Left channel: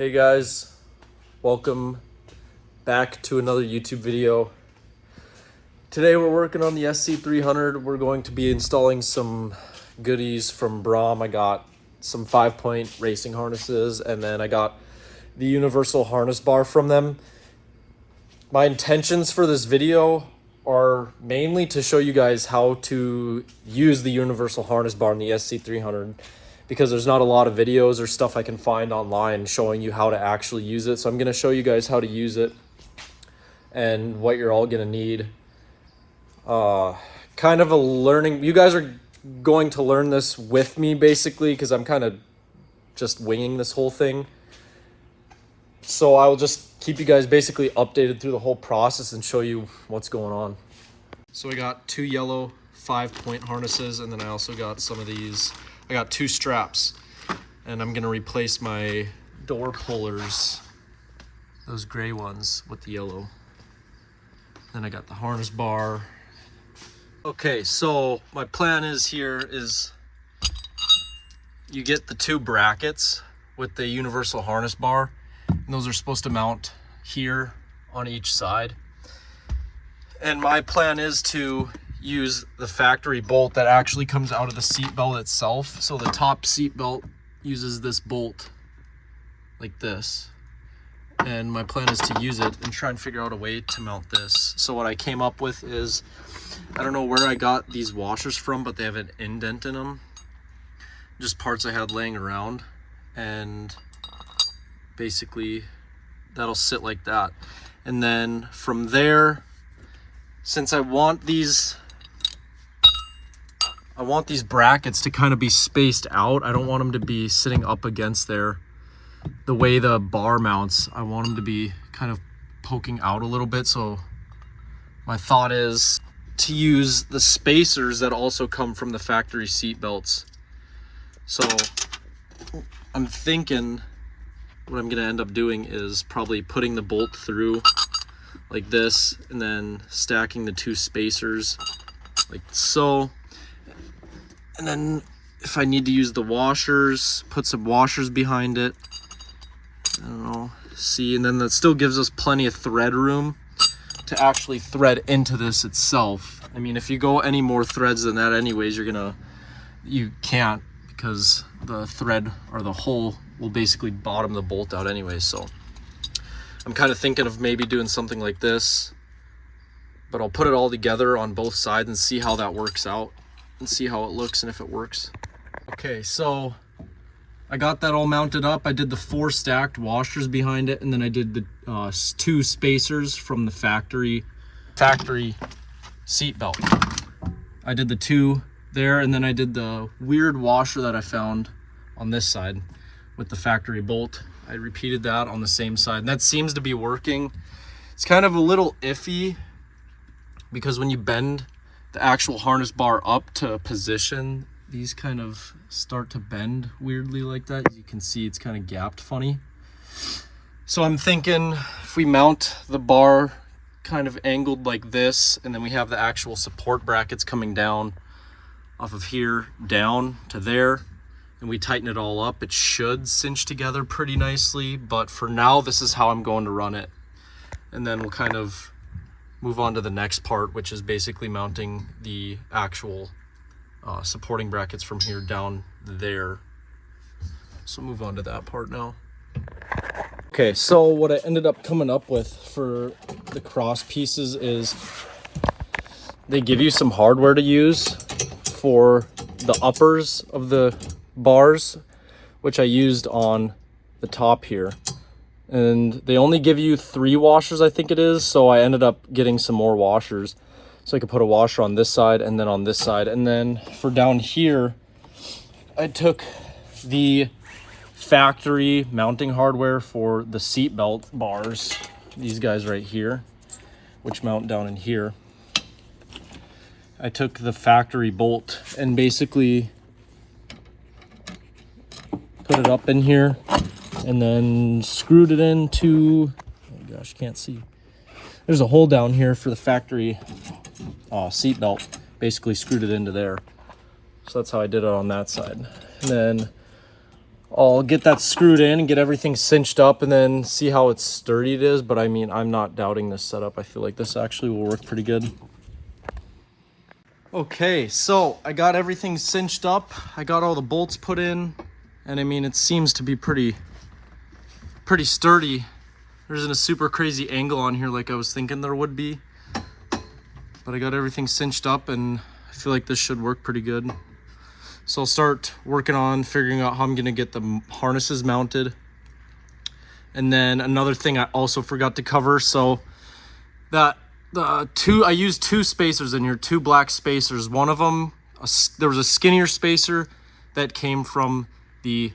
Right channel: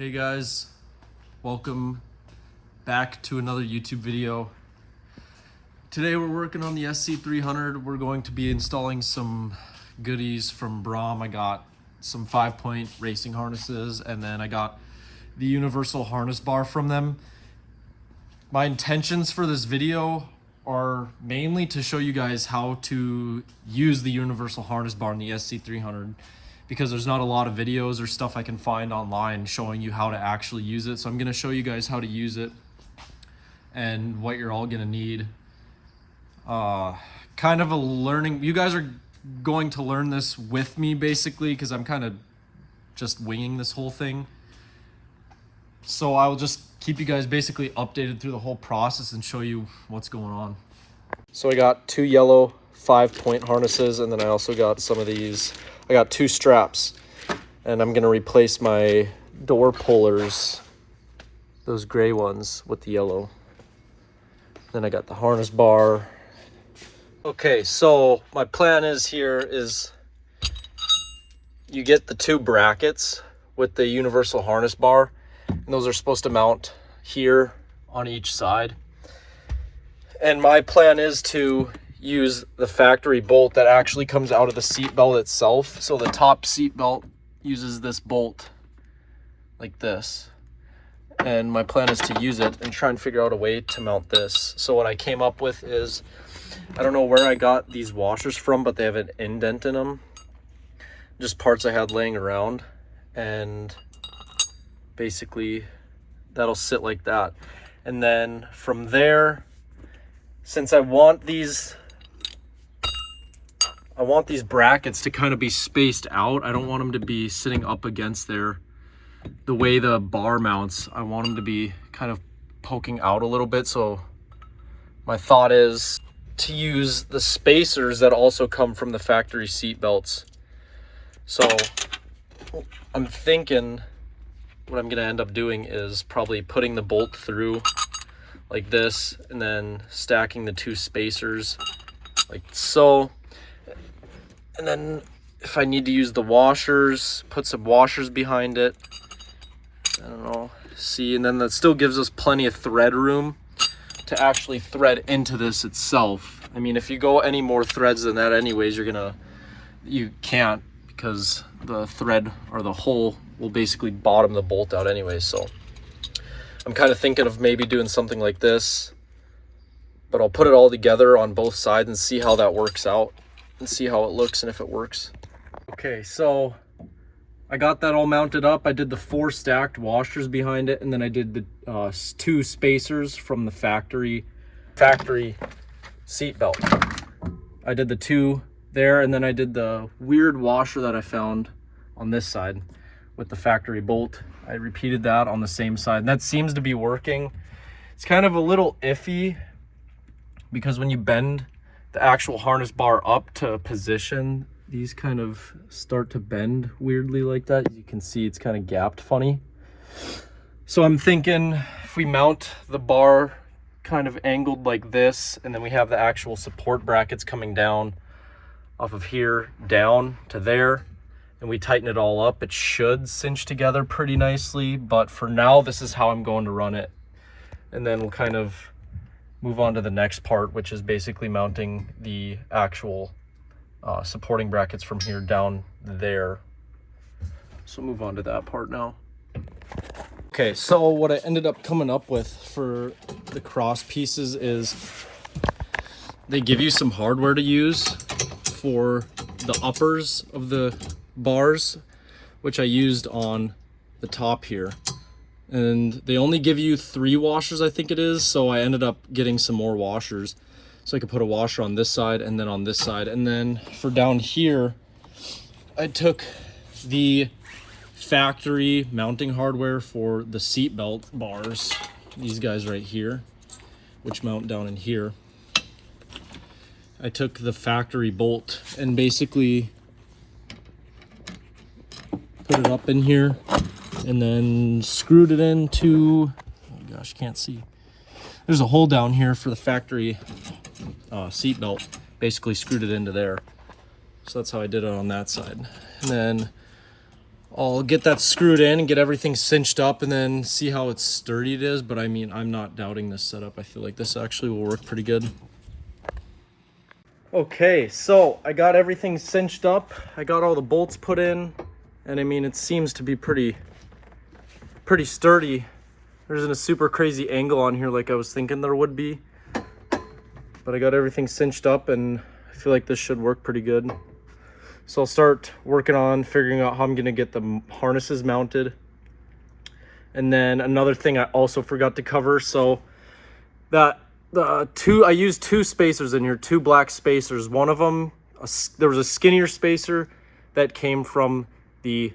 Hey guys, welcome back to another YouTube video. Today we're working on the sc300. We're going to be installing some goodies from Braum. I got some 5-point racing harnesses, and then I got the universal harness bar from them. My intentions for this video are mainly to show you guys how to use the universal harness bar in the sc300, because there's not a lot of videos or stuff I can find online showing you how to actually use it. So I'm going to show you guys how to use it and what you're all going to need. Kind of a learning, you guys are going to learn this with me basically, because I'm kind of just winging this whole thing. So I will just keep you guys basically updated through the whole process and show you what's going on. So I got 2 yellow 5-point harnesses, and then I also got some of these. I got 2 straps, and I'm gonna replace my door pullers, those gray ones, with the yellow. Then I got the harness bar. Okay, so my plan is you get the 2 brackets with the universal harness bar, and those are supposed to mount here on each side. And my plan is to use the factory bolt that actually comes out of the seat belt itself. So the top seat belt uses this bolt like this, and my plan is to use it and try and figure out a way to mount this. So what I came up with is, I don't know where I got these washers from, but they have an indent in them, just parts I had laying around, and basically that'll sit like that. And then from there, since I want these brackets to kind of be spaced out, I don't want them to be sitting up against there the way the bar mounts. I want them to be kind of poking out a little bit. So my thought is to use the spacers that also come from the factory seat belts. So I'm thinking what I'm gonna end up doing is probably putting the bolt through like this, and then stacking the 2 spacers like so. And then if I need to use the washers, put some washers behind it. I don't know, see, and then that still gives us plenty of thread room to actually thread into this itself. I mean, if you go any more threads than that anyways, you can't, because the thread or the hole will basically bottom the bolt out anyways. So I'm kind of thinking of maybe doing something like this, but I'll put it all together on both sides and see how that works out and see how it looks and if it works. Okay, so I got that all mounted up. I did the 4 stacked washers behind it, and then I did the 2 spacers from the factory seat belt. I did the 2 there, and then I did the weird washer that I found on this side with the factory bolt. I repeated that on the same side, and that seems to be working. It's kind of a little iffy, because when you bend the actual harness bar up to position, these kind of start to bend weirdly like that. You can see it's kind of gapped funny. So I'm thinking if we mount the bar kind of angled like this, and then we have the actual support brackets coming down off of here down to there, and we tighten it all up, it should cinch together pretty nicely. But for now, this is how I'm going to run it. And then we'll kind of move on to the next part, which is basically mounting the actual supporting brackets from here down there. So move on to that part now. Okay, so what I ended up coming up with for the cross pieces is they give you some hardware to use for the uppers of the bars, which I used on the top here. And they only give you 3 washers, I think it is. So I ended up getting some more washers, so I could put a washer on this side and then on this side. And then for down here, I took the factory mounting hardware for the seat belt bars, these guys right here, which mount down in here. I took the factory bolt and basically put it up in here, and then screwed it into, oh gosh, can't see. There's a hole down here for the factory seat belt. Basically screwed it into there. So that's how I did it on that side. And then I'll get that screwed in and get everything cinched up and then see how sturdy it is. But I mean, I'm not doubting this setup. I feel like this actually will work pretty good. Okay, so I got everything cinched up. I got all the bolts put in, and I mean, it seems to be pretty sturdy. There isn't a super crazy angle on here like I was thinking there would be. But I got everything cinched up and I feel like this should work pretty good. So I'll start working on figuring out how I'm gonna get the harnesses mounted. And then another thing I also forgot to cover, so that I used two spacers in here, two black spacers. One of them, there was a skinnier spacer that came from the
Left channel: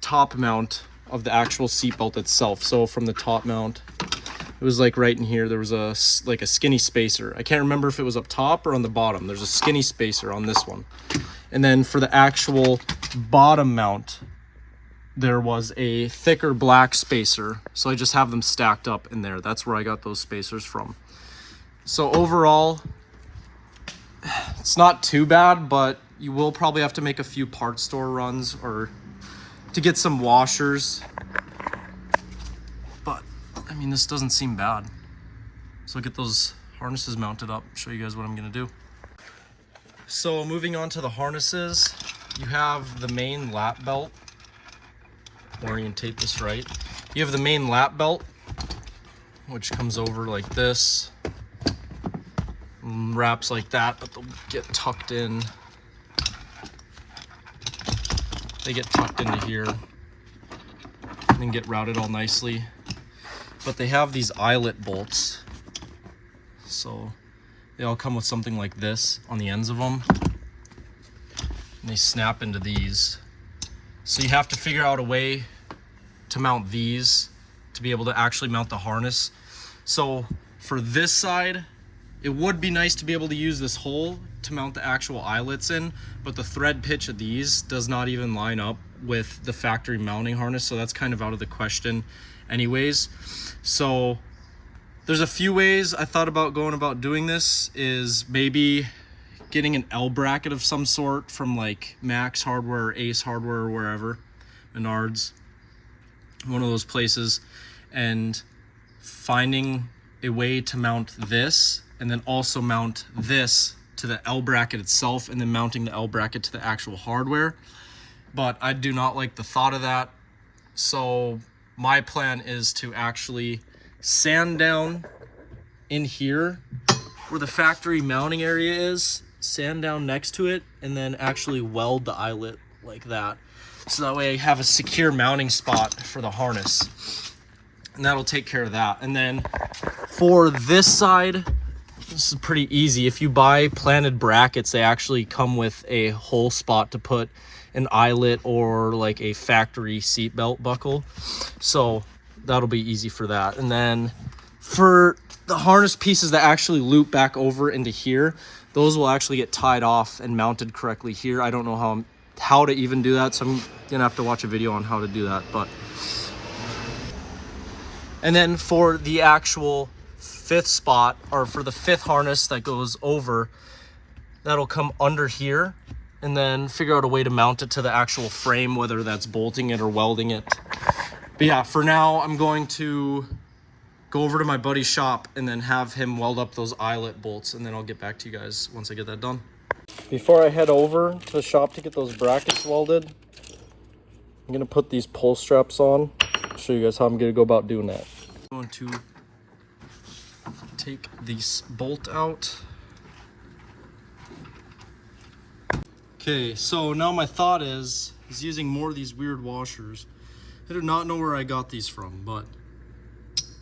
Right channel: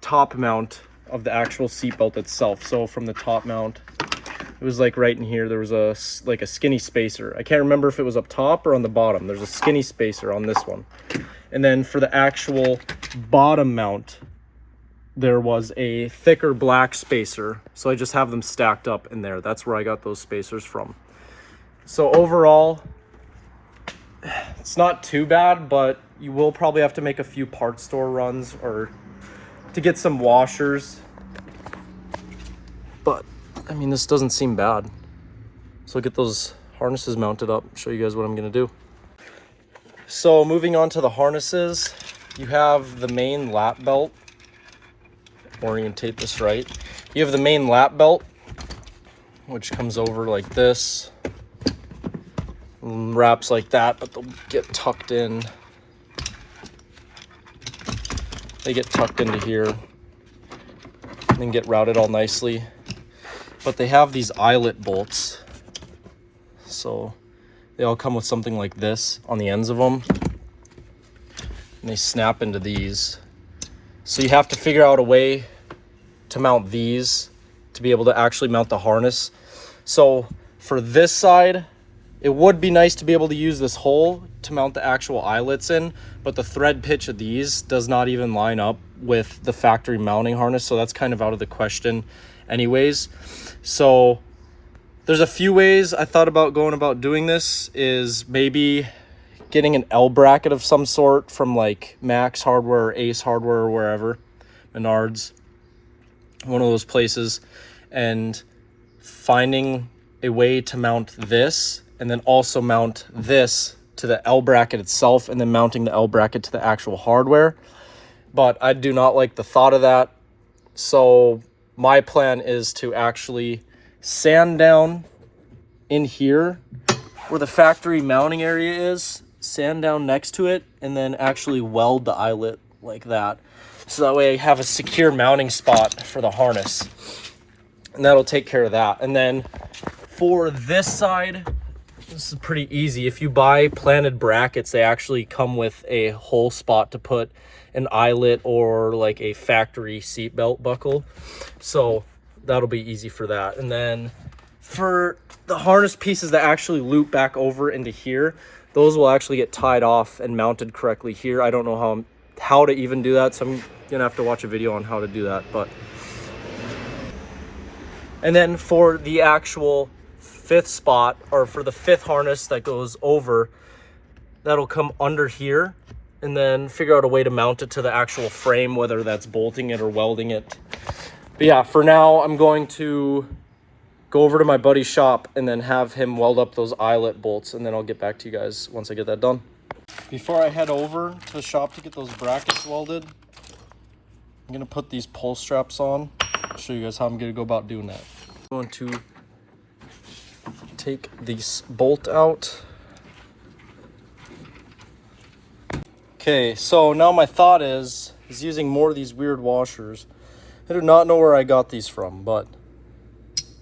top mount of the actual seatbelt itself. So from the top mount, it was like right in here, there was a skinny spacer. I can't remember if it was up top or on the bottom. There's a skinny spacer on this one. And then for the actual bottom mount, there was a thicker black spacer. So I just have them stacked up in there. That's where I got those spacers from. So overall, it's not too bad, but you will probably have to make a few part store runs or to get some washers. But I mean, this doesn't seem bad. So I'll get those harnesses mounted up, show you guys what I'm gonna do. So moving on to the harnesses, you have the main lap belt. Orientate this right. You have the main lap belt, which comes over like this, and wraps like that, but they'll get tucked in. They get tucked into here and then get routed all nicely. But they have these eyelet bolts. So they all come with something like this on the ends of them. And they snap into these. So you have to figure out a way to mount these to be able to actually mount the harness. So for this side, it would be nice to be able to use this hole to mount the actual eyelets in, but the thread pitch of these does not even line up with the factory mounting harness, so that's kind of out of the question anyways. So there's a few ways I thought about going about doing this. Is maybe getting an L bracket of some sort from like Max Hardware or Ace Hardware or wherever, Menards, one of those places, and finding a way to mount this and then also mount this to the L bracket itself and then mounting the L bracket to the actual hardware. But I do not like the thought of that. So my plan is to actually sand down in here where the factory mounting area is, sand down next to it, and then actually weld the eyelet like that. So that way I have a secure mounting spot for the harness. And that'll take care of that. And then for this side, this is pretty easy. If you buy planted brackets, they actually come with a hole spot to put an eyelet or like a factory seat belt buckle. So that'll be easy for that. And then for the harness pieces that actually loop back over into here, those will actually get tied off and mounted correctly here. I don't know how to even do that, so I'm gonna have to watch a video on how to do that. But and then for the actual fifth spot, or for the fifth harness that goes over, that'll come under here, and then figure out a way to mount it to the actual frame, whether that's bolting it or welding it. But yeah, for now, I'm going to go over to my buddy's shop and then have him weld up those eyelet bolts, and then I'll get back to you guys once I get that done. Before I head over to the shop to get those brackets welded, I'm gonna put these pull straps on, show you guys how I'm gonna go about doing that. I'm going to take this bolt out. Okay, so now my thought is using more of these weird washers. I do not know where I got these from, but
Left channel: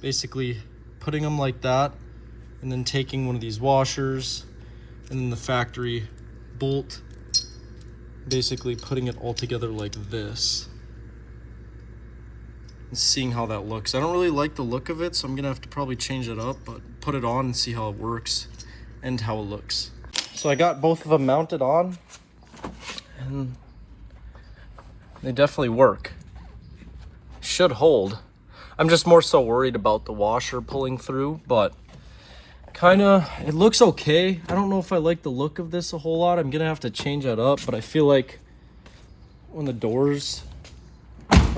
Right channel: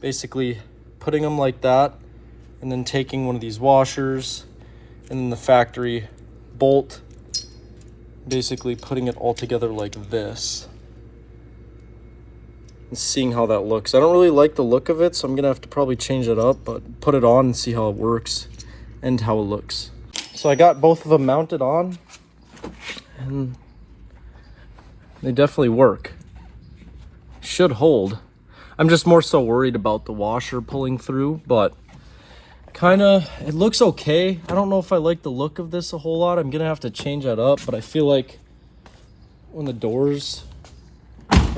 basically putting them like that and then taking one of these washers and then the factory bolt, basically putting it all together like this and seeing how that looks. I don't really like the look of it, so I'm gonna have to probably change it up, but put it on and see how it works and how it looks. So I got both of them mounted on and they definitely work. Should hold. I'm just more so worried about the washer pulling through, but it looks okay. I don't know if I like the look of this a whole lot. I'm gonna have to change that up, but I feel like when the doors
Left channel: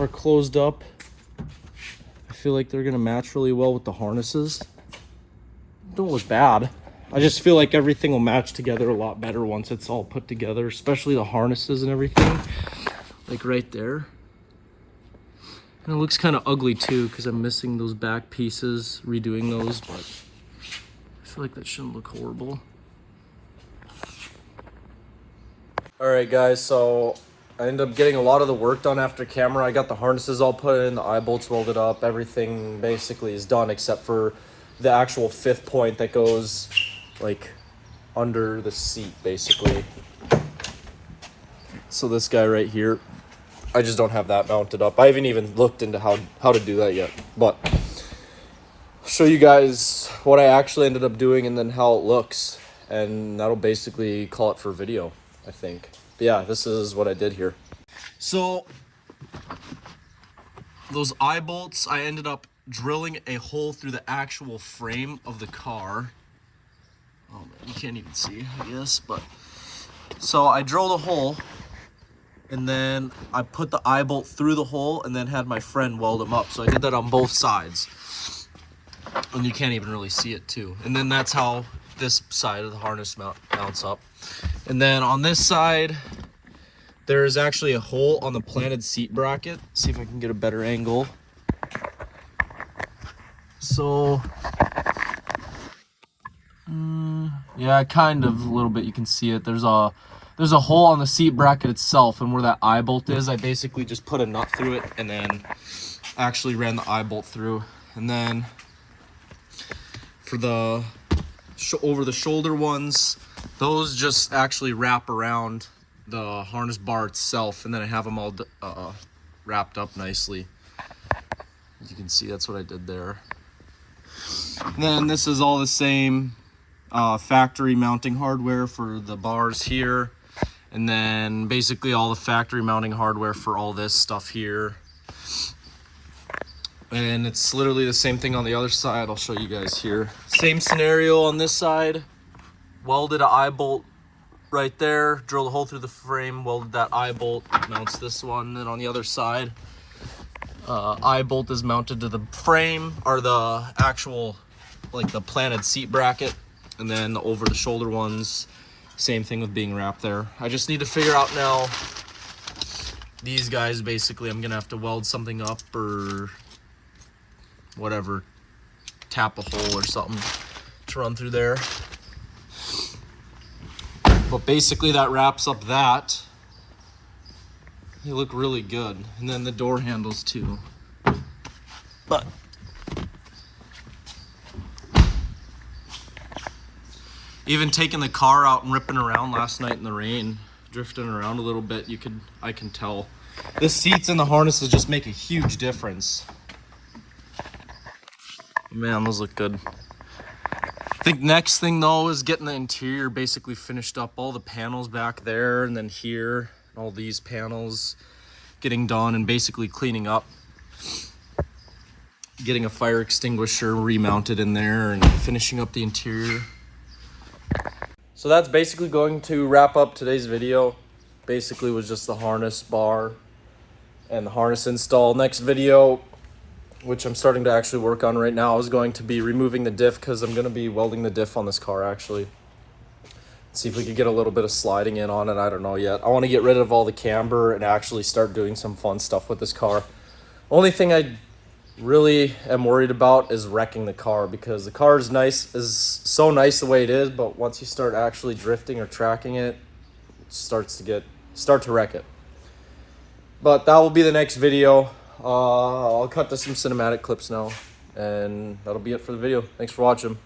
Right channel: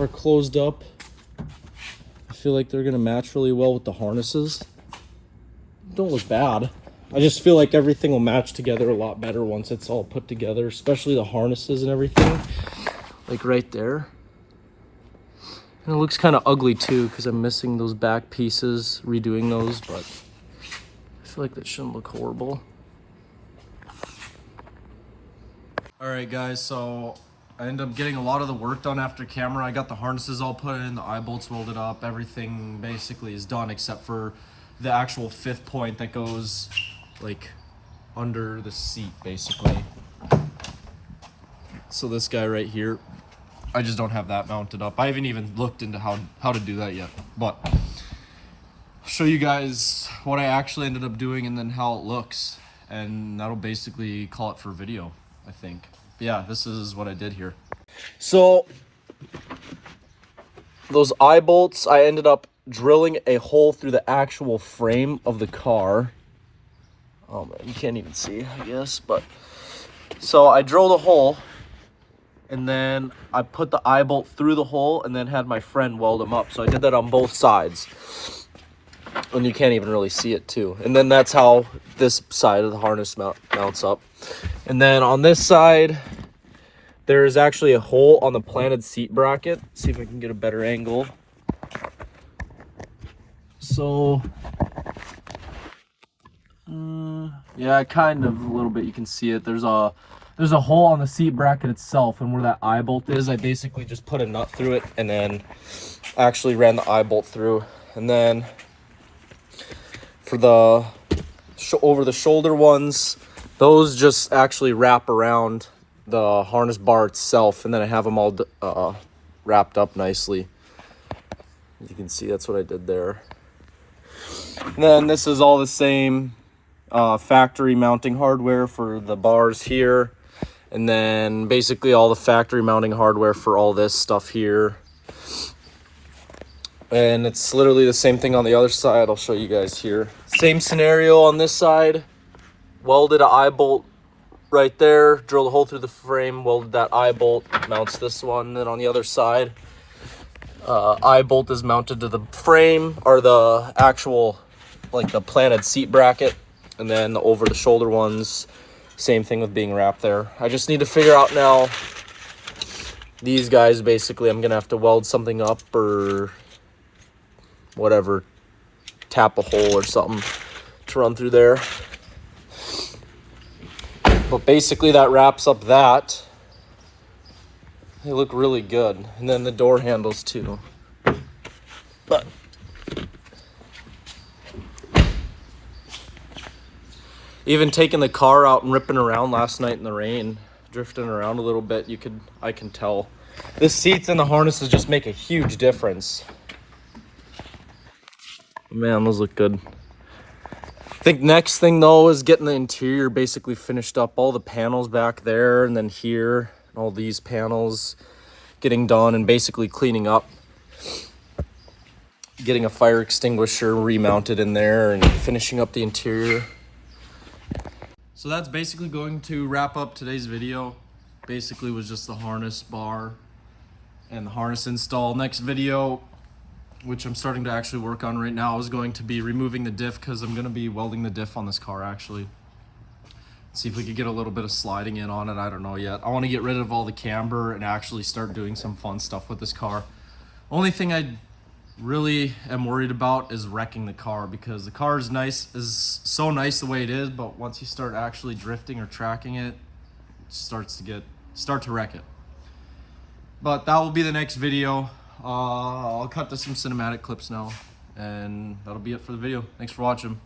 are closed up. I feel like they're gonna match really well with the harnesses. Don't look bad. I just feel like everything will match together a lot better once it's all put together, especially the harnesses and everything, like right there. And it looks kind of ugly too because I'm missing those back pieces, redoing those, but I feel like that shouldn't look horrible. All right, guys, so I ended up getting a lot of the work done after camera. I got the harnesses all put in, the eye bolts welded up, everything basically is done except for the actual 5th point that goes like under the seat basically. So this guy right here, I just don't have that mounted up. I haven't even looked into how to do that yet, but I'll show you guys what I actually ended up doing and then how it looks, and that'll basically call it for video, I think. But yeah, this is what I did here. So those eye bolts, I ended up drilling a hole through the actual frame of the car. Oh man, you can't even see, I guess, but so I drilled a hole and then I put the eye bolt through the hole and then had my friend weld them up. So I did that on both sides, and you can't even really see it too. And then that's how this side of the harness mounts up. And then on this side, there's actually a hole on the planted seat bracket. See if I can get a better angle. So yeah, kind of a little bit, you can see it. There's a hole on the seat bracket itself, and where that eye bolt is, I basically just put a nut through it and then actually ran the eye bolt through. And then for the over the shoulder ones, those just actually wrap around the harness bar itself, and then I have them all wrapped up nicely. As you can see, that's what I did there. Then this is all the same factory mounting hardware for the bars here, and then basically all the factory mounting hardware for all this stuff here. And it's literally the same thing on the other side. I'll show you guys here. Same scenario on this side. Welded an eye bolt right there, drilled a hole through the frame, welded that eye bolt, mounts this one. Then on the other side, eye bolt is mounted to the frame, or the actual, like the planted seat bracket. And then the over the shoulder ones, same thing with being wrapped there. I just need to figure out now, these guys basically I'm gonna have to weld something up or whatever, tap a hole or something to run through there. But basically that wraps up that. They look really good. And then the door handles too. But even taking the car out and ripping around last night in the rain, drifting around a little bit, I can tell. The seats and the harnesses just make a huge difference. Man, those look good. I think next thing though is getting the interior basically finished up. All the panels back there and then here, and all these panels getting done and basically cleaning up. Getting a fire extinguisher remounted in there and finishing up the interior. So that's basically going to wrap up today's video. Basically was just the harness bar and the harness install. Next video, which I'm starting to actually work on right now, is going to be removing the diff, because I'm going to be welding the diff on this car actually. See if we could get a little bit of sliding in on it. I don't know yet. I want to get rid of all the camber and actually start doing some fun stuff with this car. Only thing I really am worried about is wrecking the car, because the car is so nice the way it is, but once you start actually drifting or tracking it, it starts to wreck it. But that will be the next video. I'll cut to some cinematic clips now, and that'll be it for the video. Thanks for watching.